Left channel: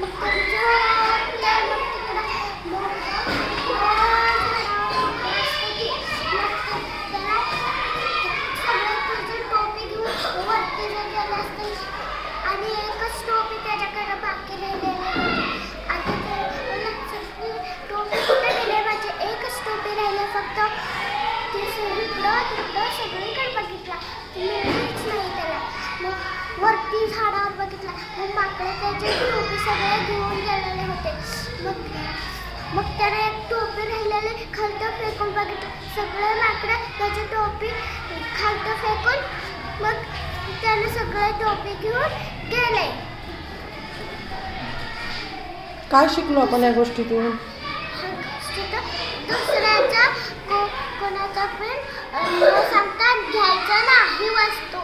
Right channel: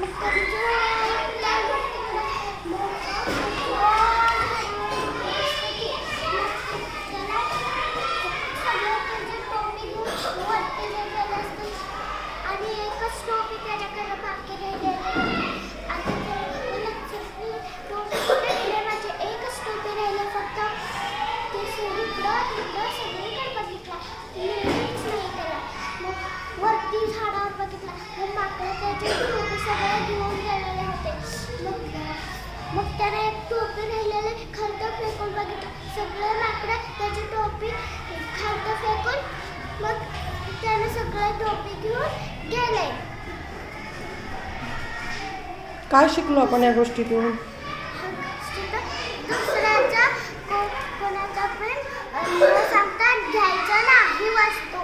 मग तरी झोपले. मग तिकडं सगळं तुझी टोपी घेऊन वरती गेले असते आणि एकच टोपी त्याच्याकडे बाकी राहिलेली. आता टोपी कुठे गेले माझे? एकच टोपी राहिले फक्त. ते इकडं तिकडं सगळीकडे बघितला, मिळलीच नाही त्याला. मग वरती झाडावर बघितला, मग माकडं त्याची टोपी सगळे घेऊन गेलेले होते. मग त्याने एक टोपी राहिलेली खालतं फेकून बघितलं, सगळे माकडं त्याची टोपी खालतं फेकून मग त्याने सगळे टोपी घेऊन गेले. काय शिकलो आपण या गोष्टीतून? दुसऱ्याचा कोणाचा पण न सांगता घ्यायचं नाही वस्तू.